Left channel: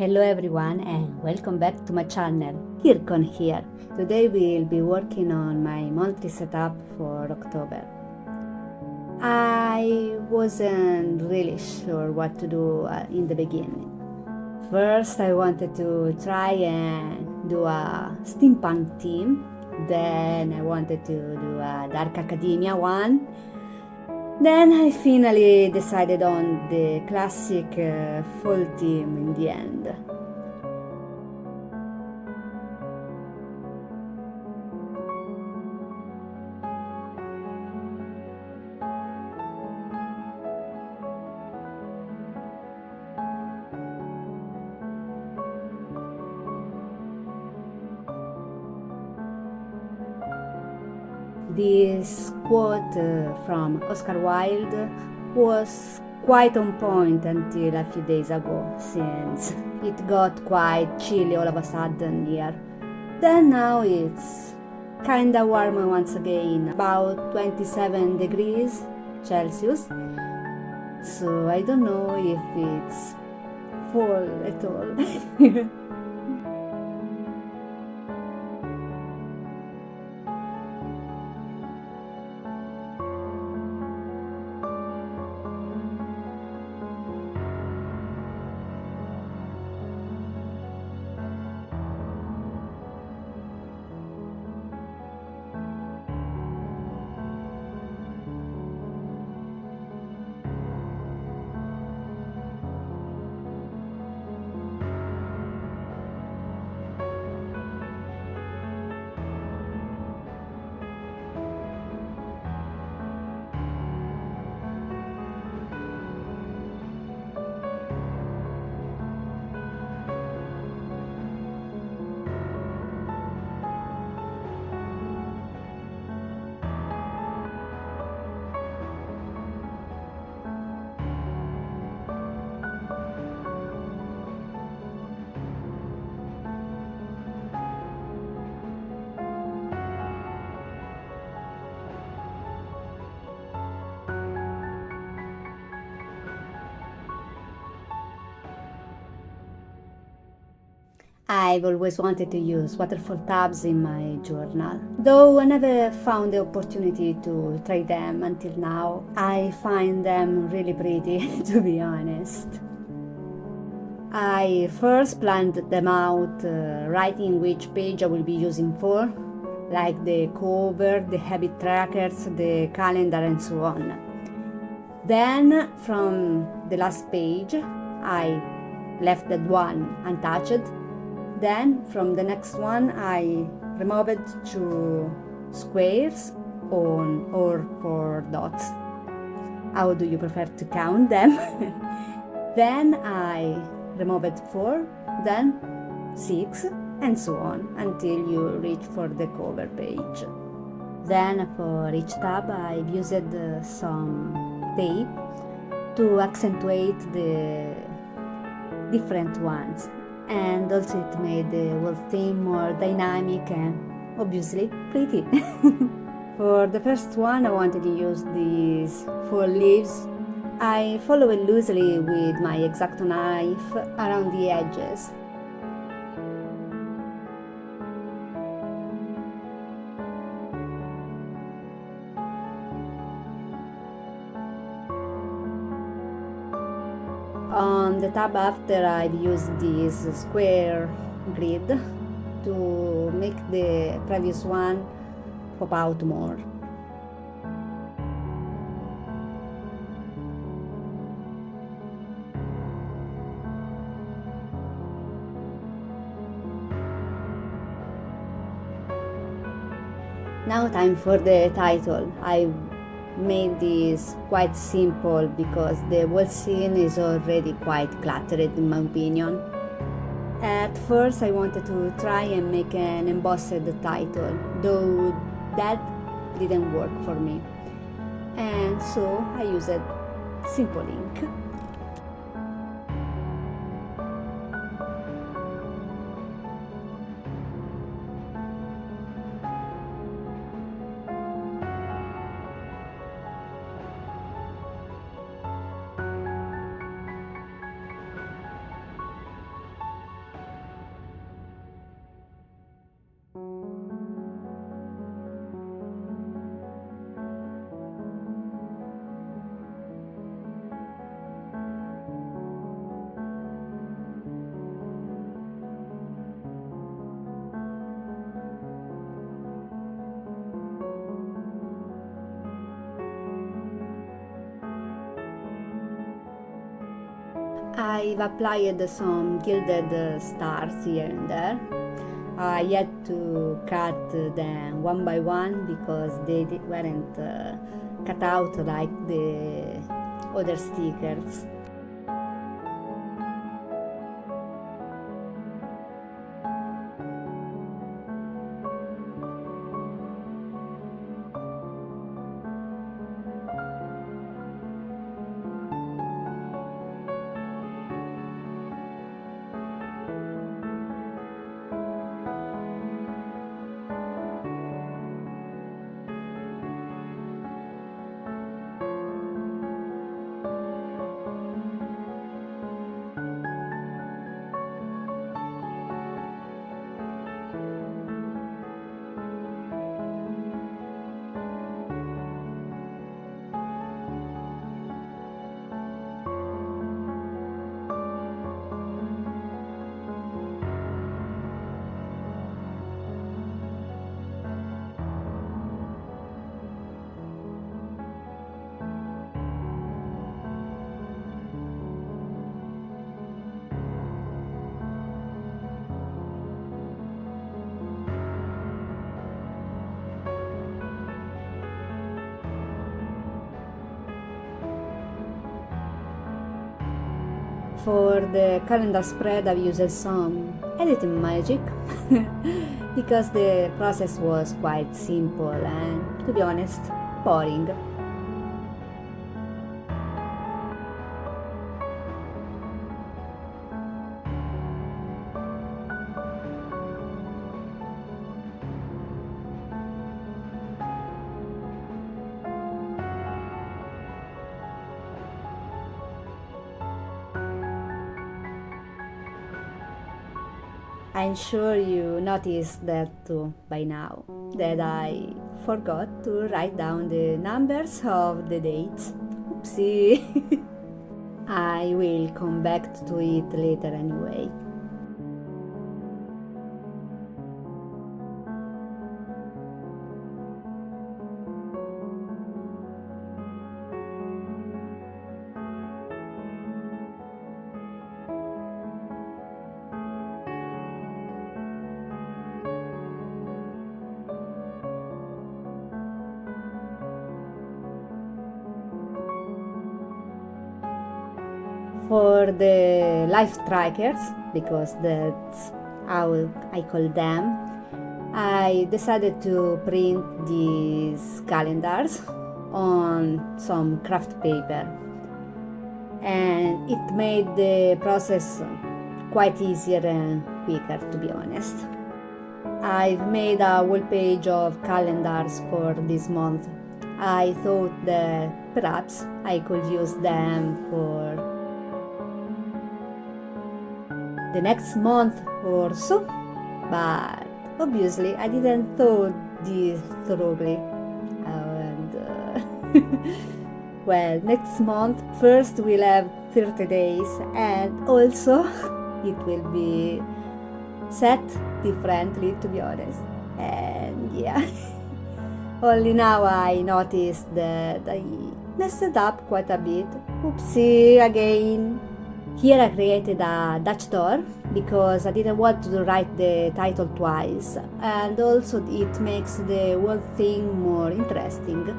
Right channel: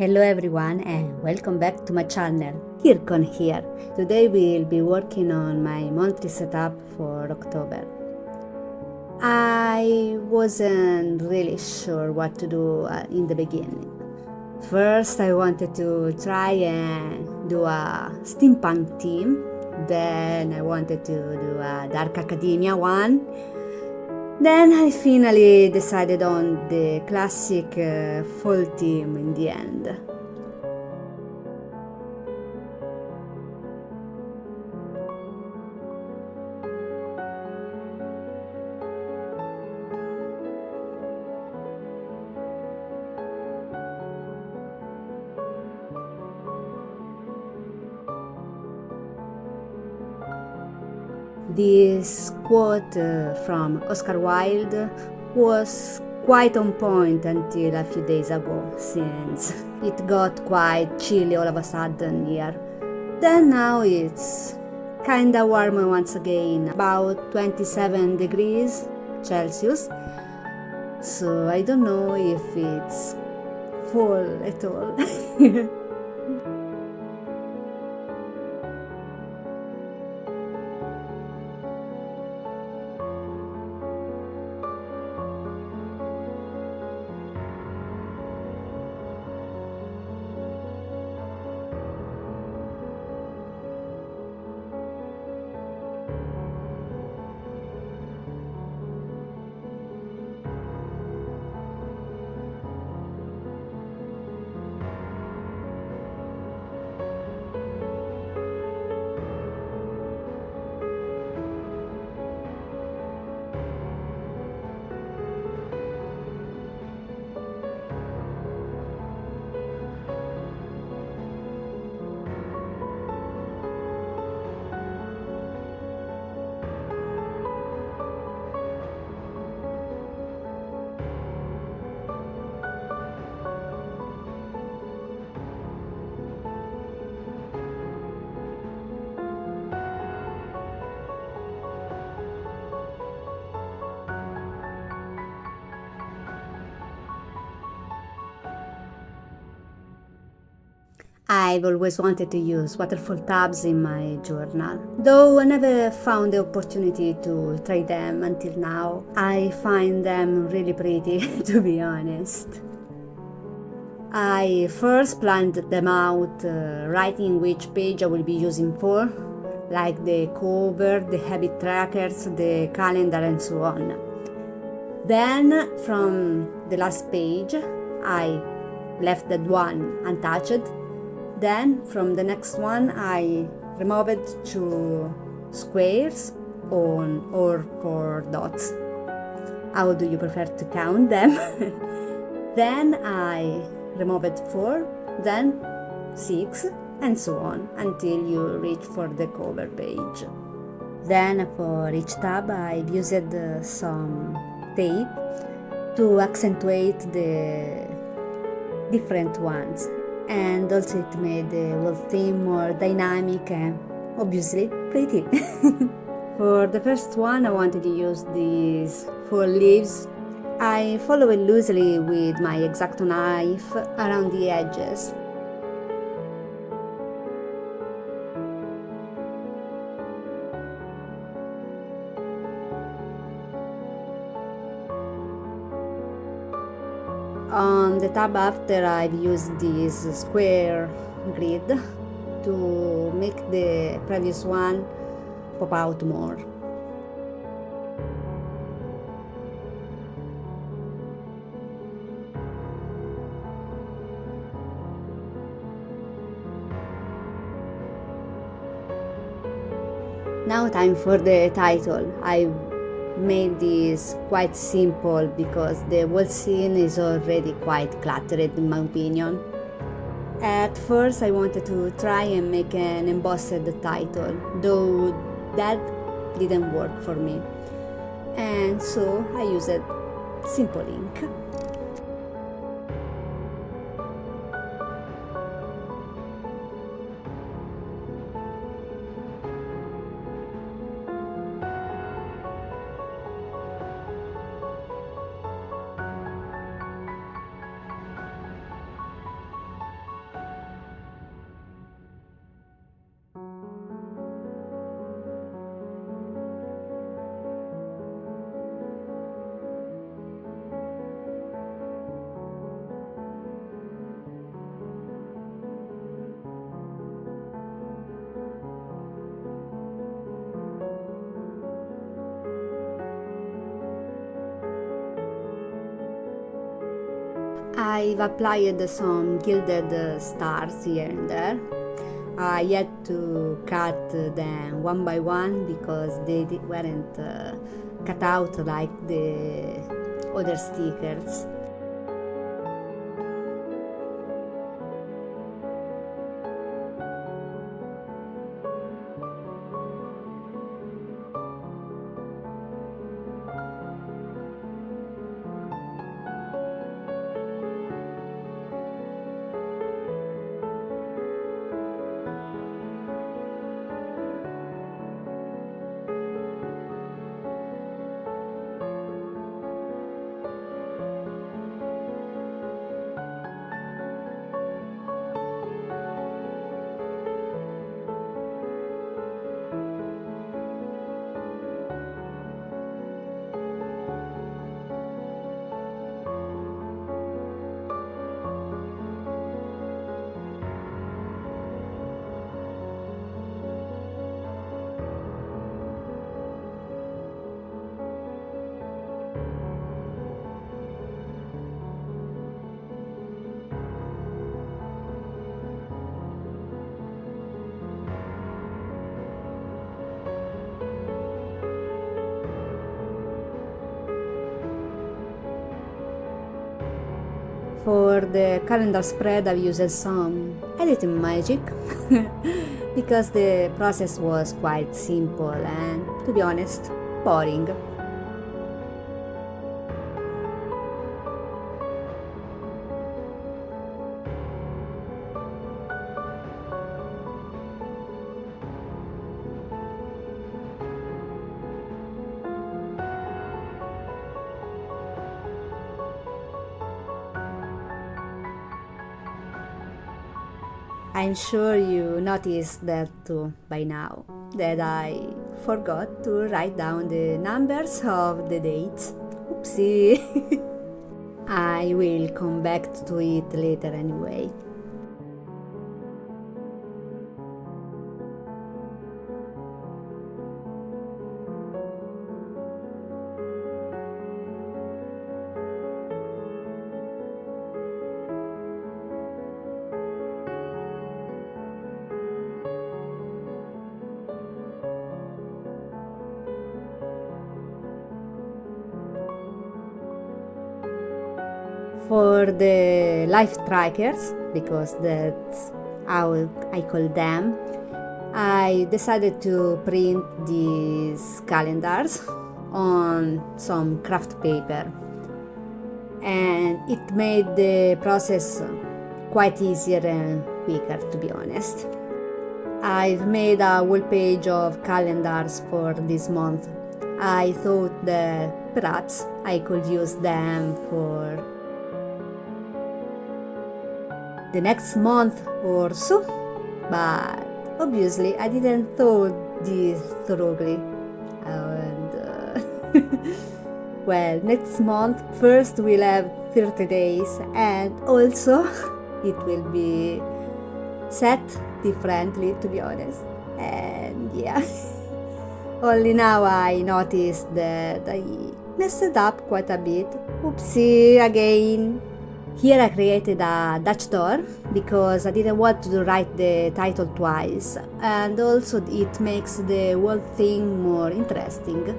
Hello everyone and welcome back to my channel, Kirkon here. Today we'll be working on my monthly setup for October. I wasn't really sure what to do in the beginning. First I wanted to try and do a steampunk theme, then I wanted to do a dark academia one. Then I finally decided on the classic fall theme in the end. This quote from Oscar Wilde was quite on point until a few days ago, since it got quite chilly all of a sudden here. Then now it's kinda warmer once again, about 27 degrees Celsius. So I don't know if it's fall at all. I've always wanted to use waterfall tabs in my journal, though I never found the opportunity to try them until now. I find them really pretty, to be honest. I first planned them out, writing which page I will be using for, like the cover, the habit trackers, the calendar and so on. Then, from the last page, I left that one untouched. Then from the next one I removed 2 squares or 4 dots. How do you prefer to count them? Then I removed 4, then 6 and so on until you reach for the cover page. Then for each tab I've used some tape to accentuate the different ones. And also it made the whole theme more dynamic and obviously pretty. For the first one I wanted to use these 4 leaves. I follow it loosely with my X-Acto knife around the edges. On the tab after I've used this square grid to make the previous one pop out more. Now time for the title. I've made this quite simple because the whole scene is already quite cluttered in my opinion. At first I wanted to try and make an embossed title, though that didn't work for me, and so I used simple ink. I've applied some gilded stars here and there. I had to cut them one by one because they weren't cut out like the other stickers. For the calendar spread, I've used some editing magic because the process was quite simple and, to be honest, boring. I'm sure you noticed that too by now, that I forgot to write down the numbers of the dates. Oopsie! I will come back to it later anyway. For the life trackers, because that's how I call them, I decided to print these calendars on some craft paper, and it made the process quite easier and quicker, to be honest. I've made a whole page of calendars for this month. I thought that perhaps I could use them for the next month or so, but obviously I didn't thought this thoroughly. Well, next month first we'll have 30 days, and also it will be set differently, to be honest. And yeah, only now I noticed that I messed it up quite a bit. Oopsie again. Here I created a Dutch door because I didn't want to write the title twice, and also it makes the whole thing more interesting.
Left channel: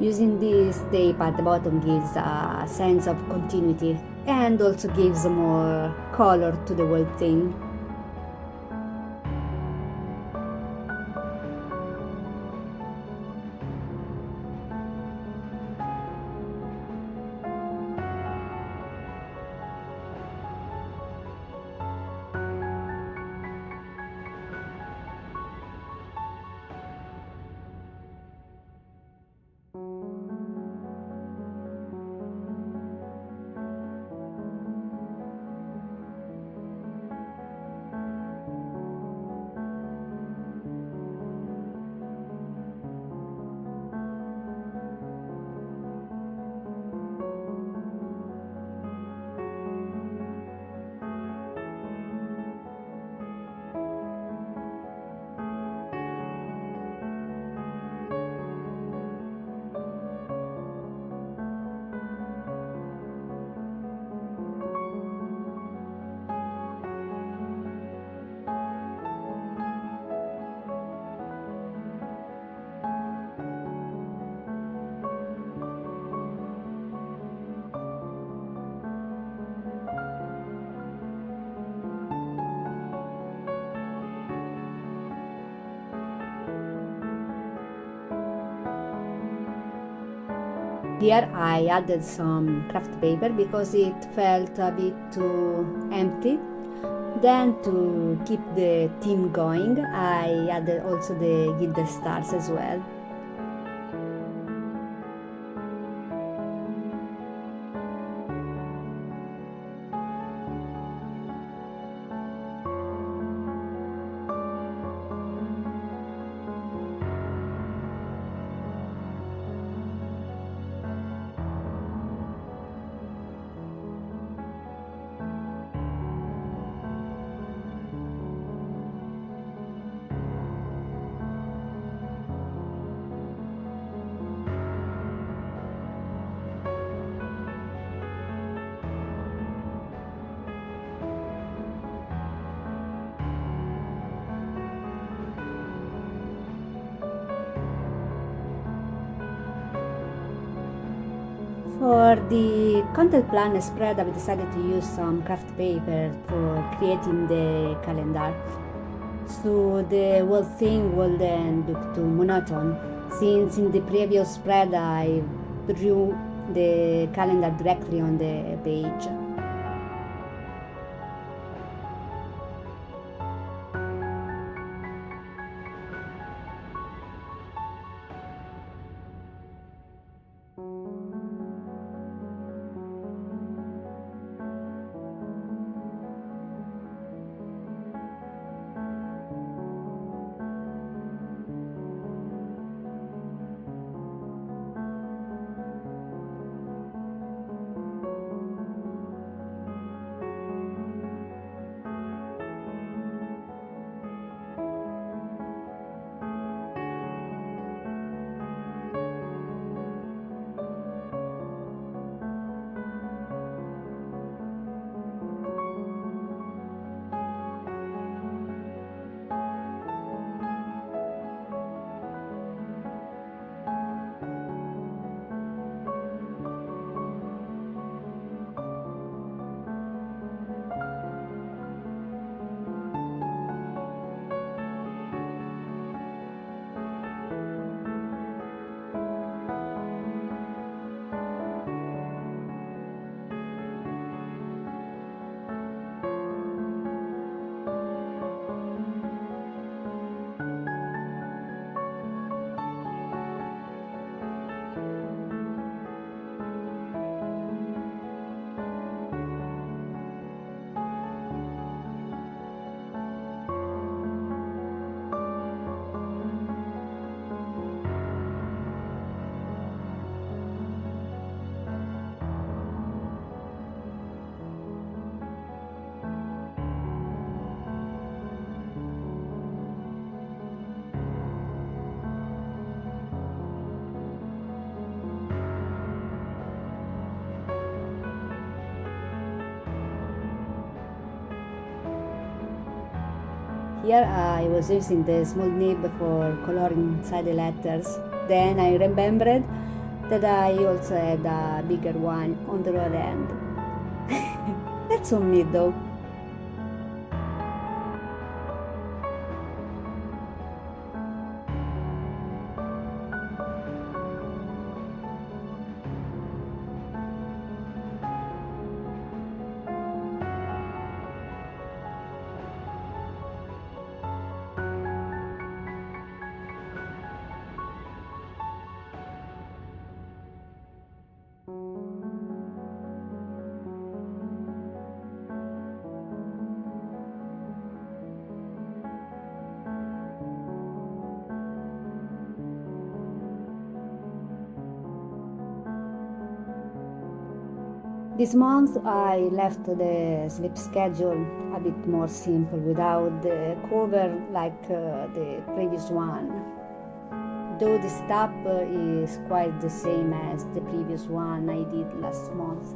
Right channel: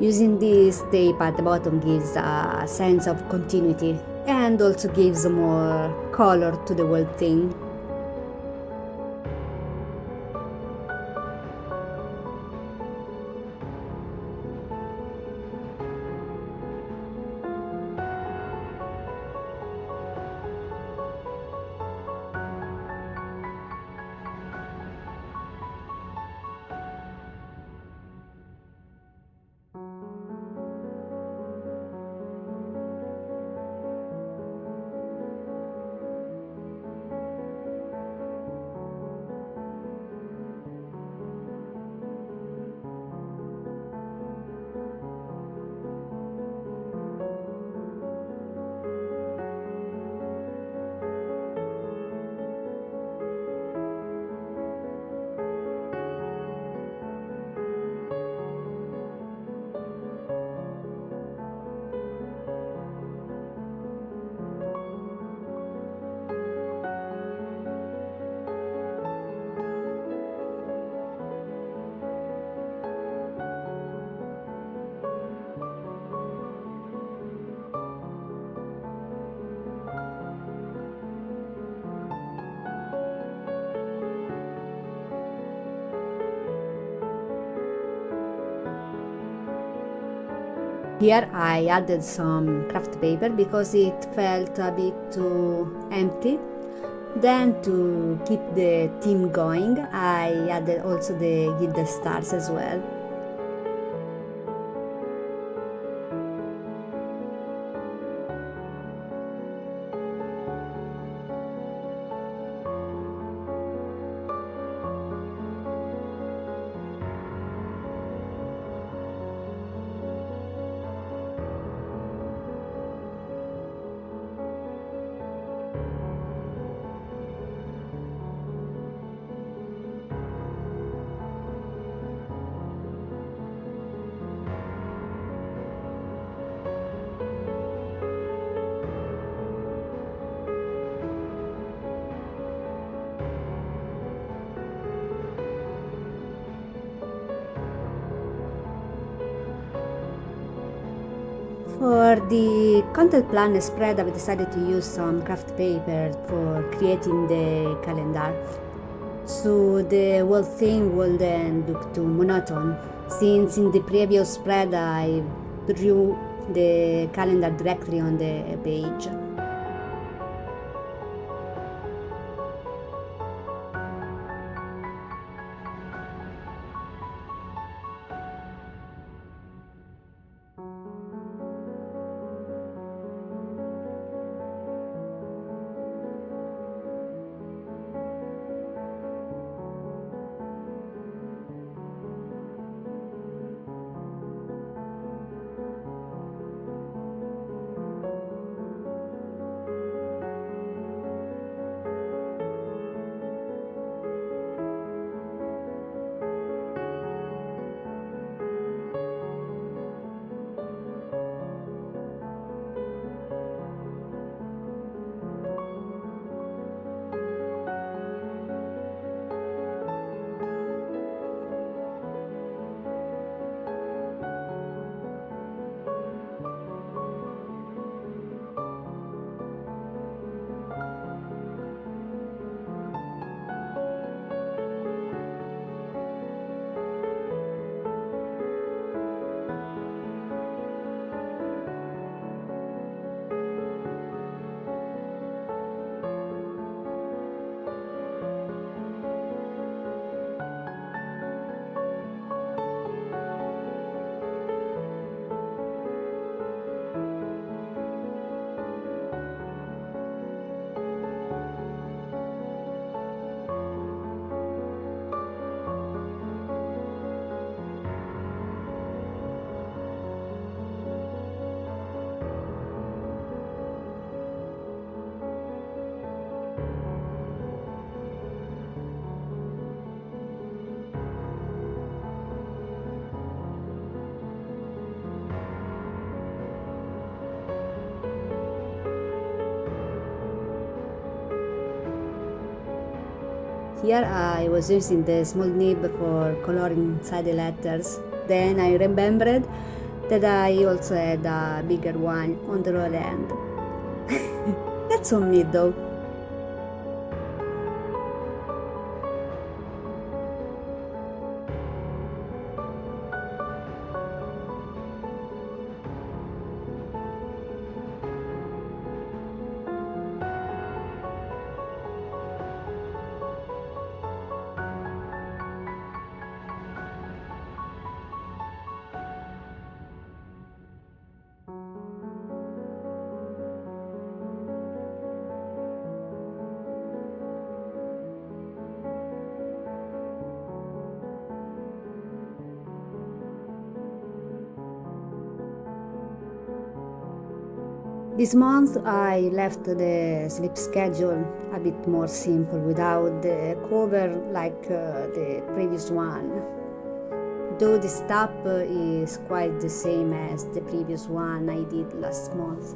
Using this tape at the bottom gives a sense of continuity and also gives more color to the whole thing. Here I added some craft paper because it felt a bit too empty. Then to keep the theme going, I added also the gilded stars as well. For the content plan spread, I've decided to use some craft paper for creating the calendar, so the whole thing wouldn't look too monotone. Since in the previous spread I drew the calendar directly on the page. Here I was using the small nib for coloring inside the letters. Then I remembered that I also had a bigger one on the other end. That's on me though. This month I left the sleep schedule a bit more simple without the cover like the previous one. Though the step is quite the same as the previous one I did last month.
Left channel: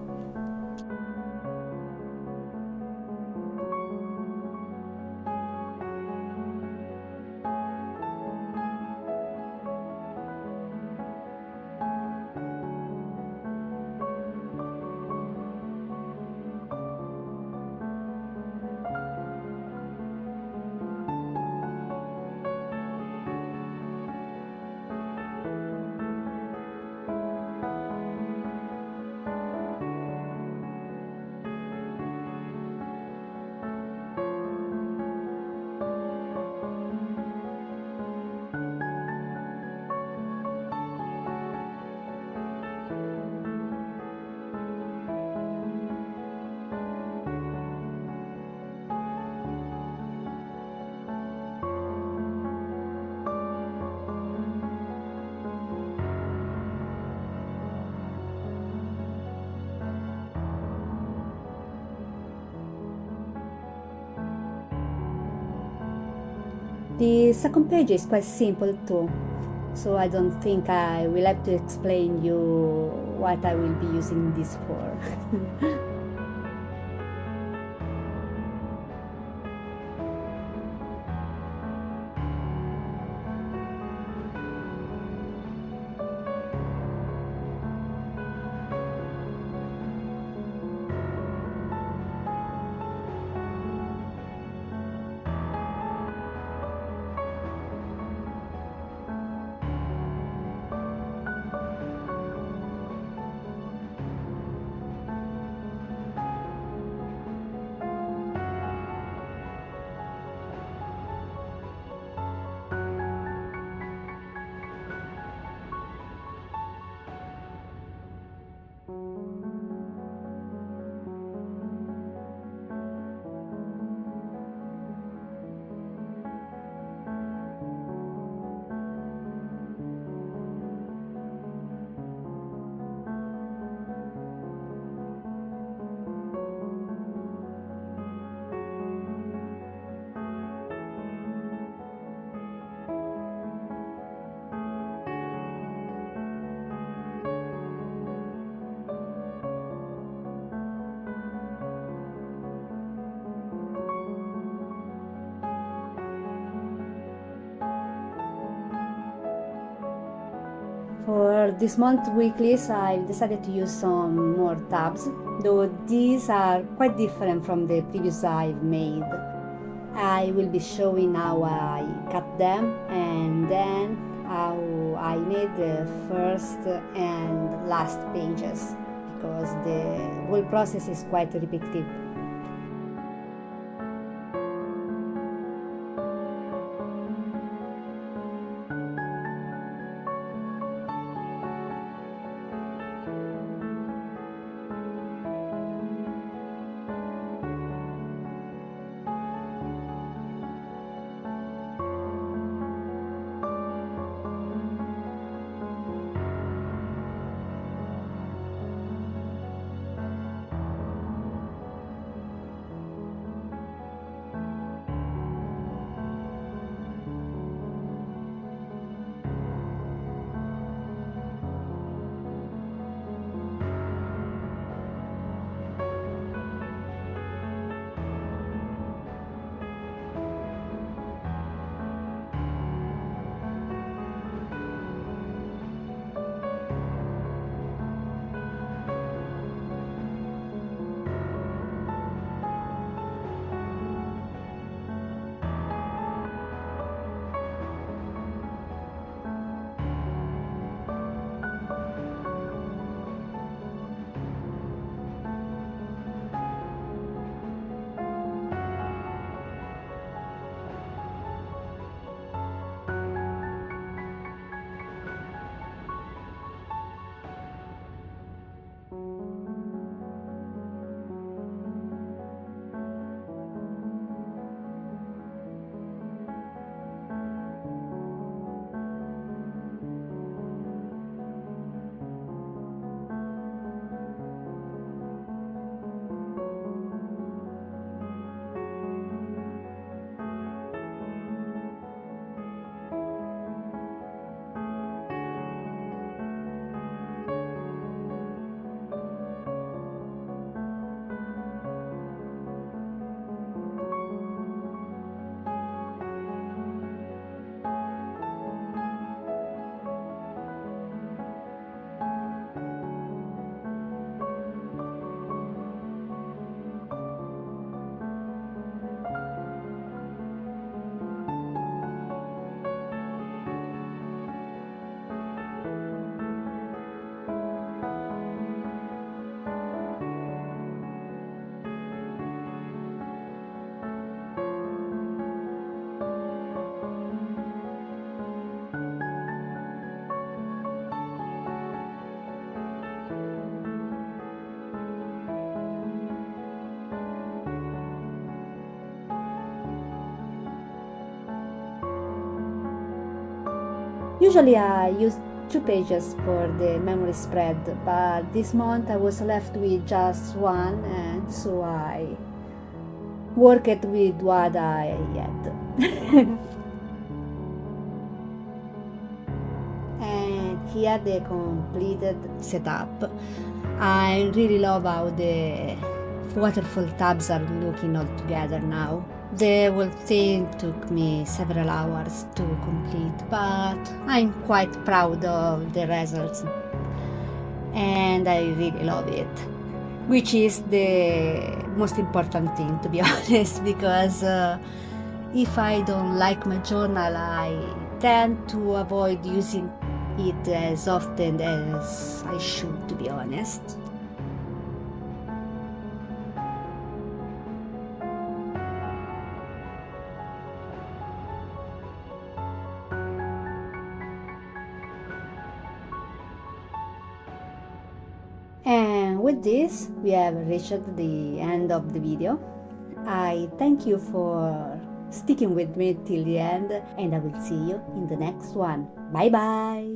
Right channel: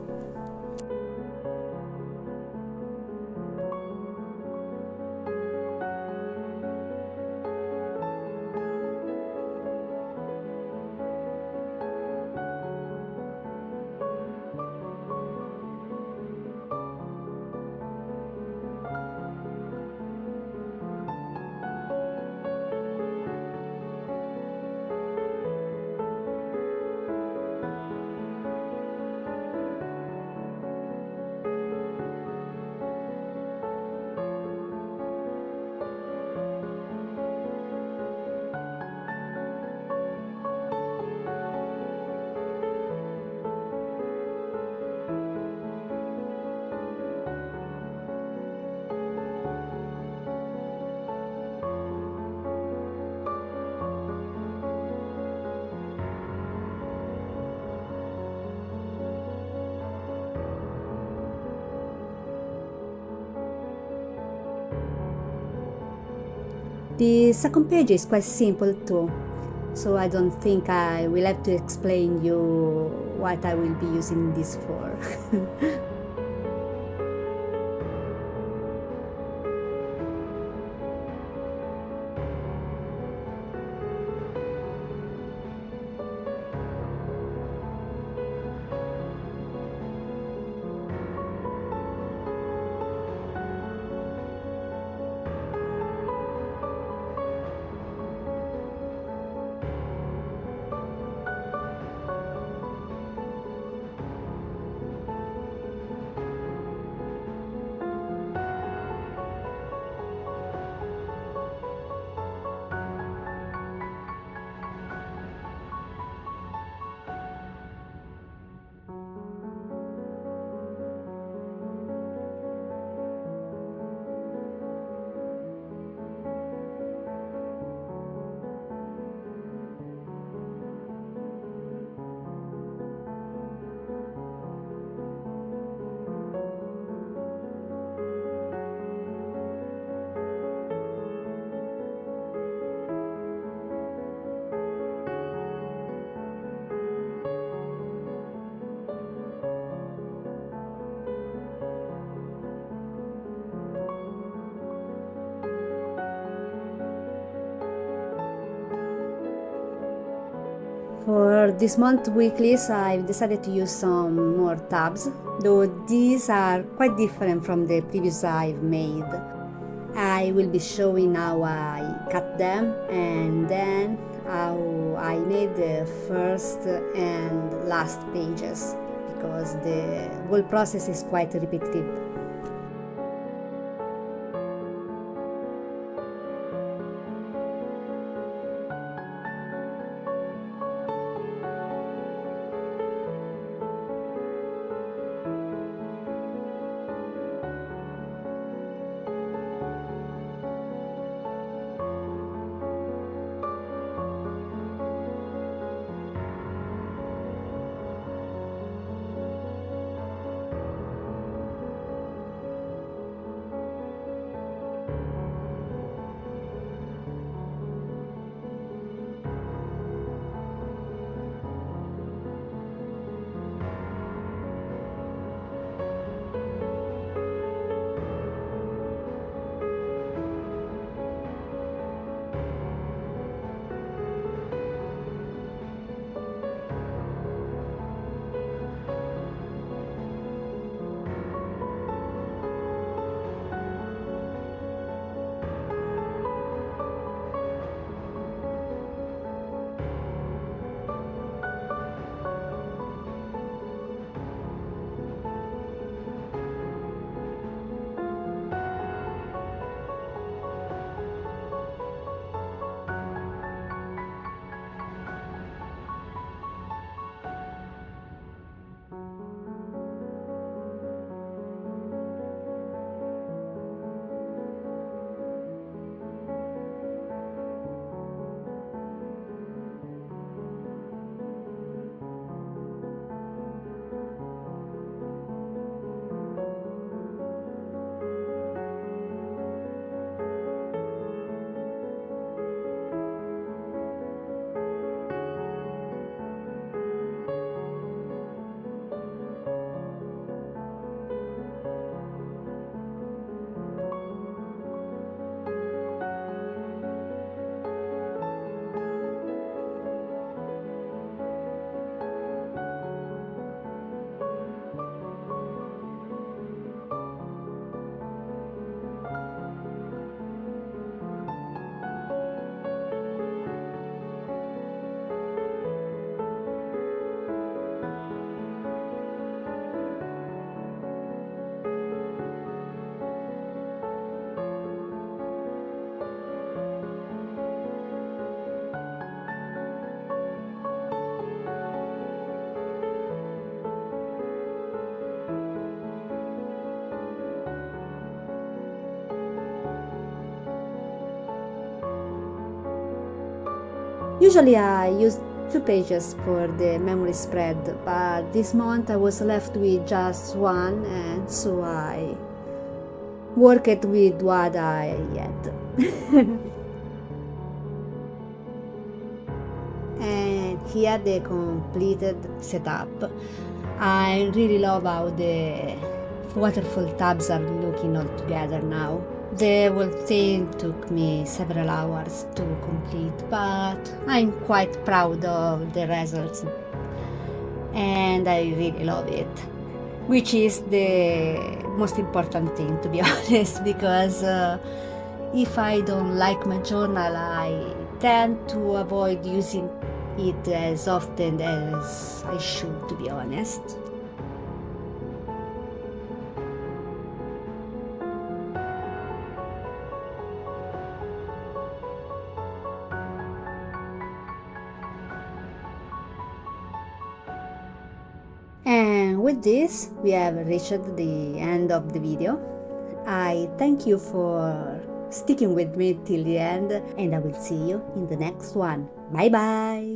The second page is quite simple too, so I don't think I will have to explain you what I will be using this for. For this month weeklies, I've decided to use some more tabs, though these are quite different from the previous I've made. I will be showing how I cut them and then how I made the first and last pages, because the whole process is quite repetitive. Usually I use 2 pages for the memory spread, but this month I was left with just one, and so I worked with what I had. here the completed setup. I really love how the waterfall tabs are looking all together now. The whole thing took me several hours to complete, but I'm quite proud of the results and I really love it, which is the most important thing, to be honest, because if I don't like my journal, I tend to avoid using it as often as I should, to be honest. And with this, we have reached the end of the video. I thank you for sticking with me till the end, and I will see you in the next one. Bye bye!